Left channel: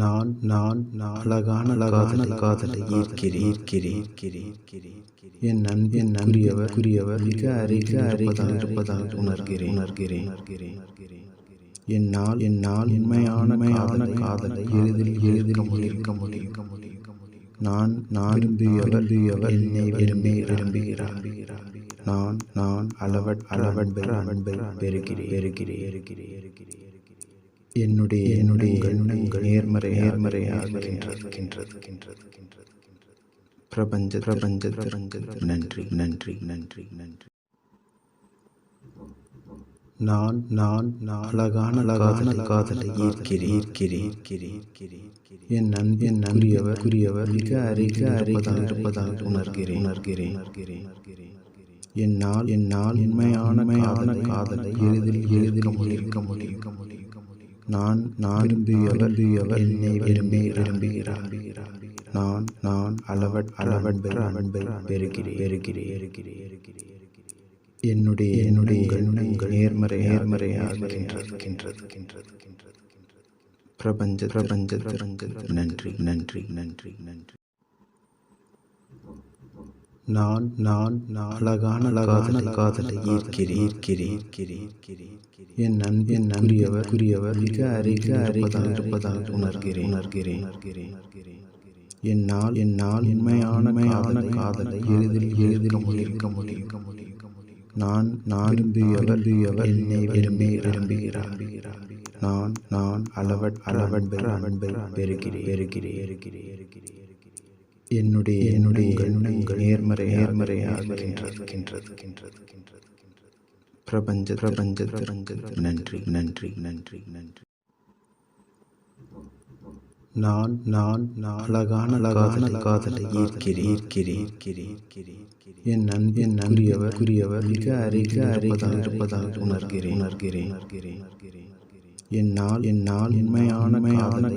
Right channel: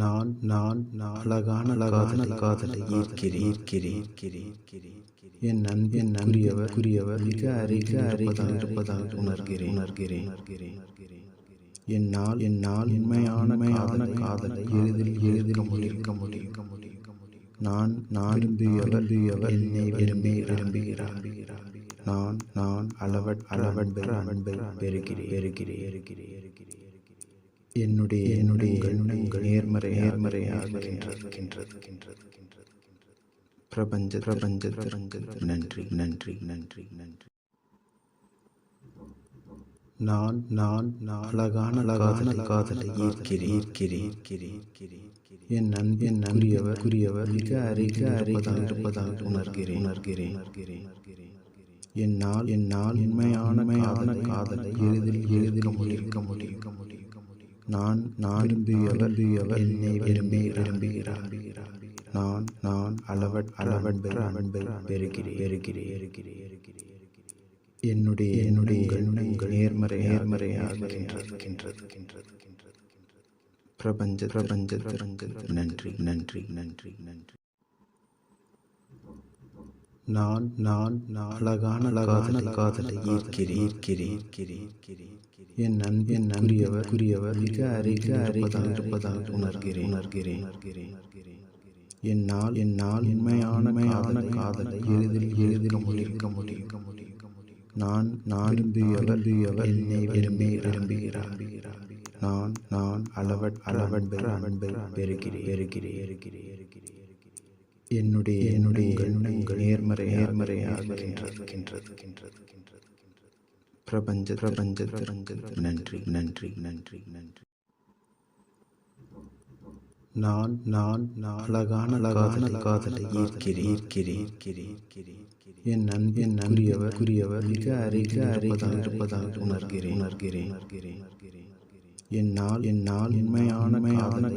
நான் அழகான காதலை ஈர்க்கிறேன். என் அன்பின் குறியவர் மிக அருகில் இருப்பதாக உணர்கிறேன். என்னால் உண்மையான காதலை எளிதில் முடியும். நான் விரும்பியவர் என்னை விரும்புகிறார். நான் அளவற்ற அன்பை பெறுகிறேன். என்னுடைய நேர்மறையாக பிரபஞ்ச நன்றி. நான் அழகான காதலை ஈர்க்கிறேன். என் அன்பின் குறியவர் மிக அருகில் இருப்பதாக உணர்கிறேன். என்னால் உண்மையான காதலை எளிதில் முடியும். நான் விரும்பியவர் என்னை விரும்புகிறார். நான் அளவற்ற அன்பை பெறுகிறேன். என்னுடைய நேர்மறையாக பிரபஞ்ச நன்றி. நான் அழகான காதலை ஈர்க்கிறேன். என் அன்பின் குறியவர் மிக அருகில் இருப்பதாக உணர்கிறேன். என்னால் உண்மையான காதலை எளிதில் முடியும். நான் விரும்பியவர் என்னை விரும்புகிறார். நான் அளவற்ற அன்பை பெறுகிறேன். என்னுடைய நேர்மறையாக பிரபஞ்ச நன்றி. நான் அழகான காதலை ஈர்க்கிறேன். என் அன்பின் குறியவர் மிக அருகில் இருப்பதாக உணர்கிறேன். என்னால் உண்மையான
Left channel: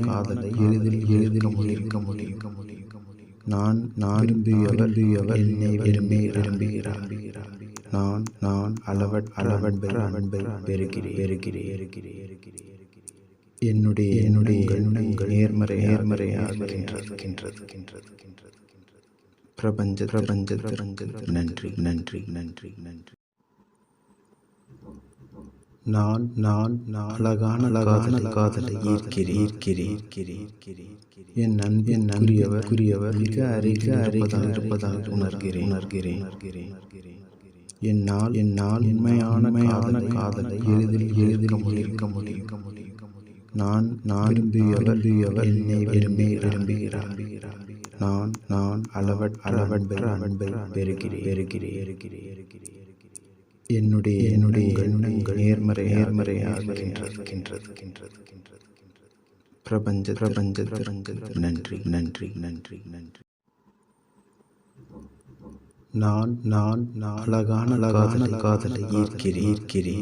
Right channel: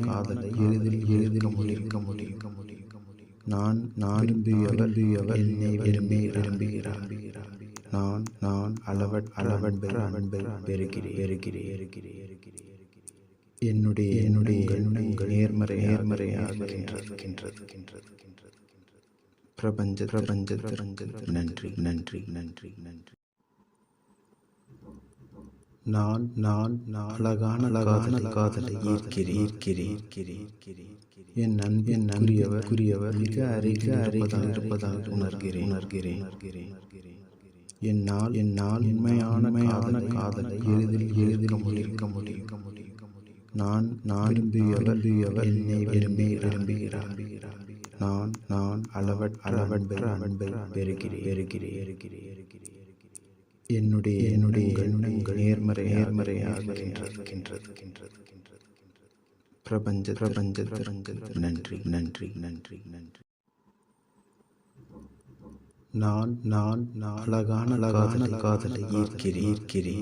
காதலை எளிதில் முடியும். நான் விரும்பியவர் என்னை விரும்புகிறார். நான் அளவற்ற அன்பை பெறுகிறேன். என்னுடைய நேர்மறையாக பிரபஞ்ச நன்றி. நான் அழகான காதலை ஈர்க்கிறேன். என் அன்பின் குறியவர் மிக அருகில் இருப்பதாக உணர்கிறேன். என்னால் உண்மையான காதலை எளிதில் முடியும். நான் விரும்பியவர் என்னை விரும்புகிறார். நான் அளவற்ற அன்பை பெறுகிறேன். என்னுடைய நேர்மறையாக பிரபஞ்ச நன்றி. நான் அழகான காதலை ஈர்க்கிறேன்.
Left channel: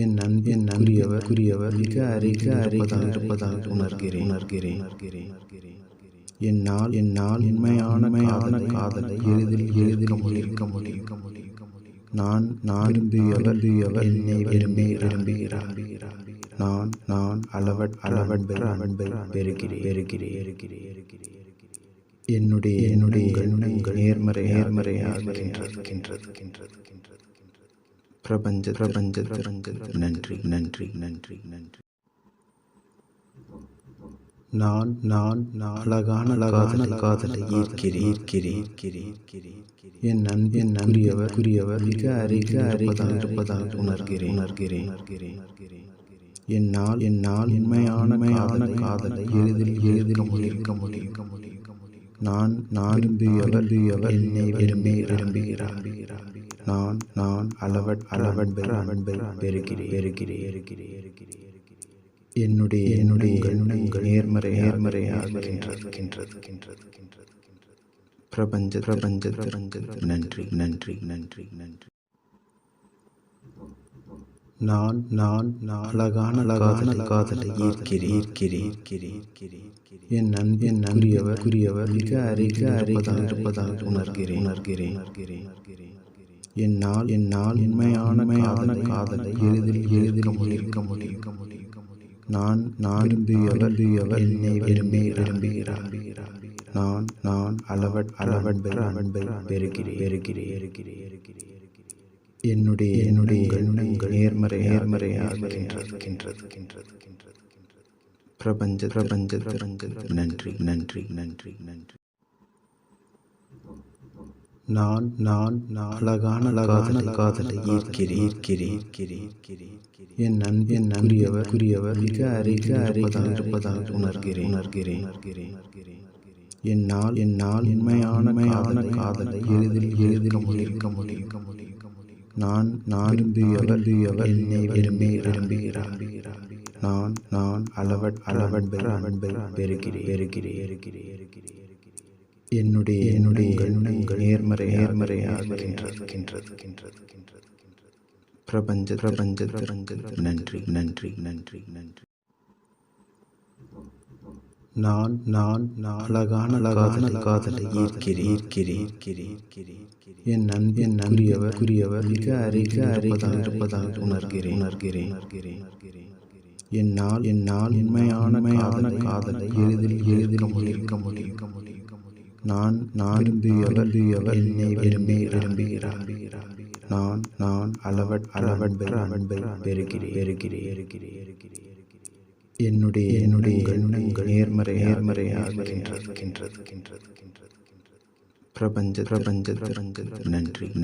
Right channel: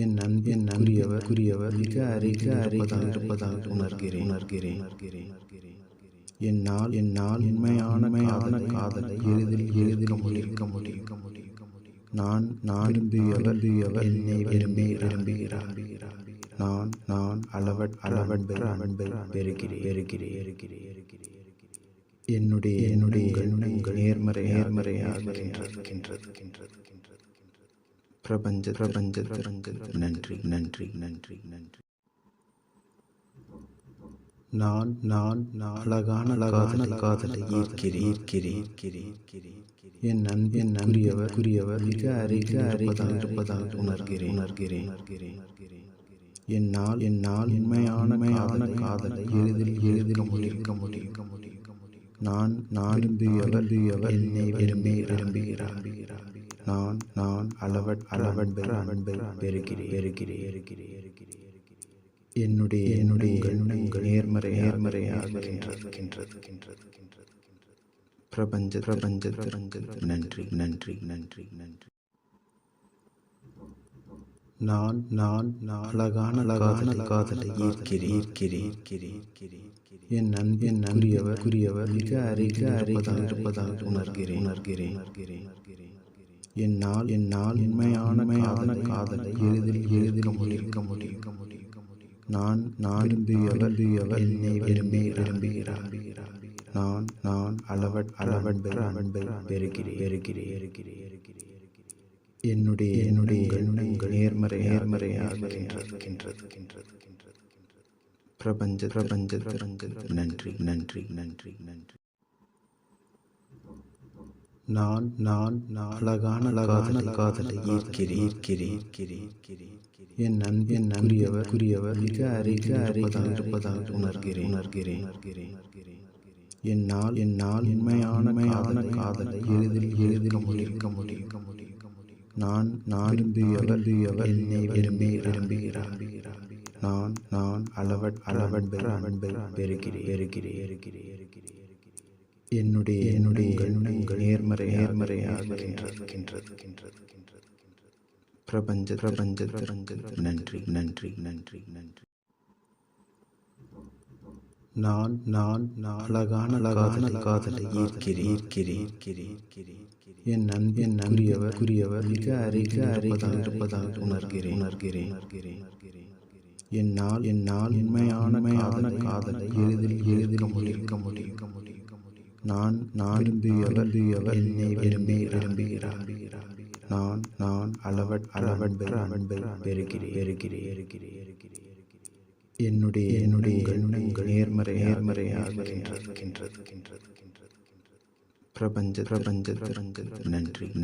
என் அன்பின் குறியவர் மிக அருகில் இருப்பதாக உணர்கிறேன். என்னால் உண்மையான காதலை எளிதில் முடியும். நான் விரும்பியவர் என்னை விரும்புகிறார். நான் அளவற்ற அன்பை பெறுகிறேன். என்னுடைய நேர்மறையாக பிரபஞ்ச நன்றி. நான் அழகான காதலை ஈர்க்கிறேன். என் அன்பின் குறியவர் மிக அருகில் இருப்பதாக உணர்கிறேன். என்னால் உண்மையான காதலை எளிதில் முடியும். நான் விரும்பியவர் என்னை விரும்புகிறார். நான் அளவற்ற அன்பை பெறுகிறேன். என்னுடைய நேர்மறையாக பிரபஞ்ச நன்றி. நான் அழகான காதலை ஈர்க்கிறேன். என் அன்பின் குறியவர் மிக அருகில் இருப்பதாக உணர்கிறேன். என்னால் உண்மையான காதலை எளிதில் முடியும். நான் விரும்பியவர் என்னை விரும்புகிறார். நான் அளவன்பை பெறுகிறேன். என்னுடைய எண்ணங்கள் நேர்மறையாக இருக்கின்றது. பிரபஞ்சத்தில் நன்றி. நான் அழகான காதலை ஈர்க்கிறேன். என் நன்பிற்குரியவர் மிக அருகில் இருப்பதாக உணர்கிறேன். என்னால் உண்மையான காதலை எளிதில் இருக்க முடியும். நான் விரும்பியவர் என்னை விரும்புகிறார். நான் அளவன்பை பெறுகிறேன். என்னுடைய எண்ணங்கள் நேர்மறையாக இருக்கின்றது. பிரபஞ்சத்தில் நன்றி. நான் அழகான காதலை ஈர்க்கிறேன். என் நன்பிற்குரியவர் மிக அருகில் இருப்பதாக உணர்கிறேன். என்னால் உண்மையான காதலை எளிதில் இருக்க முடியும். நான் விரும்பியவர் என்னை விரும்புகிறார். நான் அளவன்பை பெறுகிறேன். என்னுடைய எண்ணங்கள் நேர்மறையாக இருக்கின்றது. பிரபஞ்சத்தில் நன்றி.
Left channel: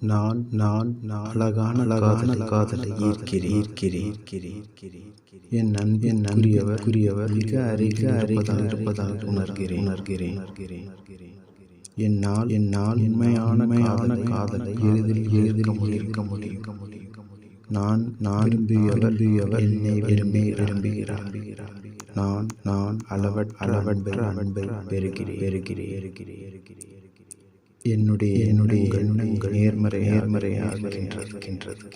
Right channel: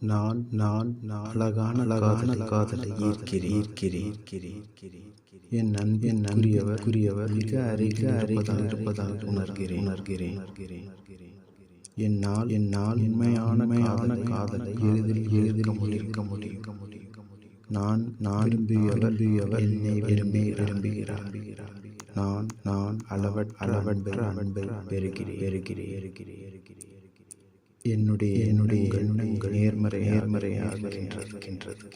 நான் அழகான காதலை ஈர்க்கிறேன். என் நன்பிற்குரியவர் மிக அருகில் இருப்பதாக உணர்கிறேன். என்னால் உண்மையான காதலை எளிதில் இருக்க முடியும். நான் விரும்பியவர் என்னை விரும்புகிறார். நான் அளவன்பை பெறுகிறேன். என்னுடைய எண்ணங்கள் நேர்மறையாக இருக்கின்றது.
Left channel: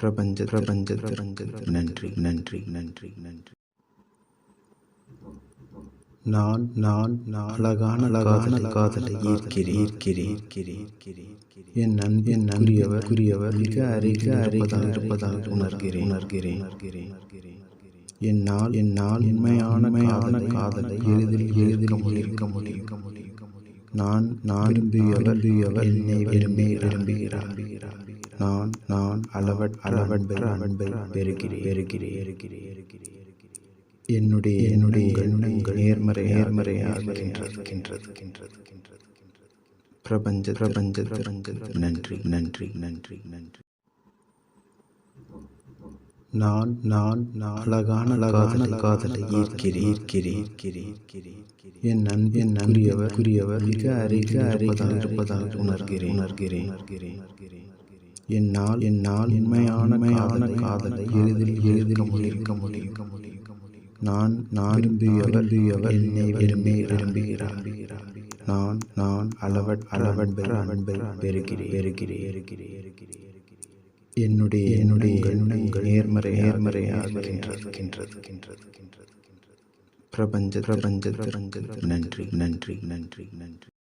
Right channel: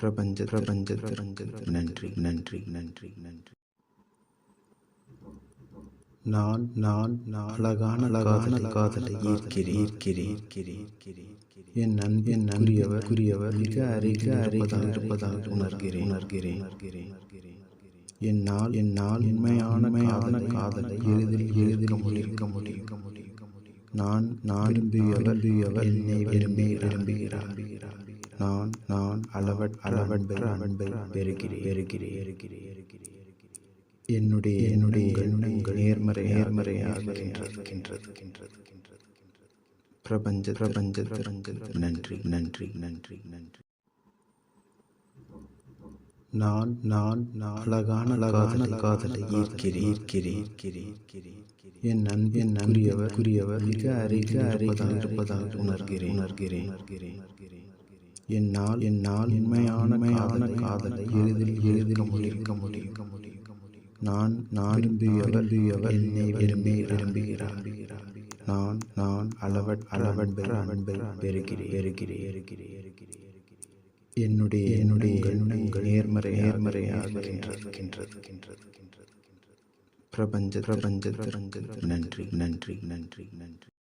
பிரபஞ்சத்தில் நன்றி. நான் அழகான காதலை ஈர்க்கிறேன். என் நன்பிற்குரியவர் மிக அருகில் இருப்பதாக உணர்கிறேன். என்னால் உண்மையான காதலை எளிதில் இருக்க முடியும். நான் விரும்பியவர் என்னை விரும்புகிறார். நான் அளவன்பை பெறுகிறேன். என்னுடைய எண்ணங்கள் நேர்மறையாக இருக்கின்றது. பிரபஞ்சத்தில் நன்றி. நான் அழகான காதலை ஈர்க்கிறேன். என் நன்பிற்குரியவர் மிக அருகில் இருப்பதாக உணர்கிறேன். என்னால் உண்மையான காதலை எளிதில் இருக்க முடியும். நான் விரும்பியவர் என்னை விரும்புகிறார். நான் அளவன்பை பெறுகிறேன். என்னுடைய எண்ணங்கள் நேர்மறையாக இருக்கின்றது. பிரபஞ்சத்தில் நன்றி.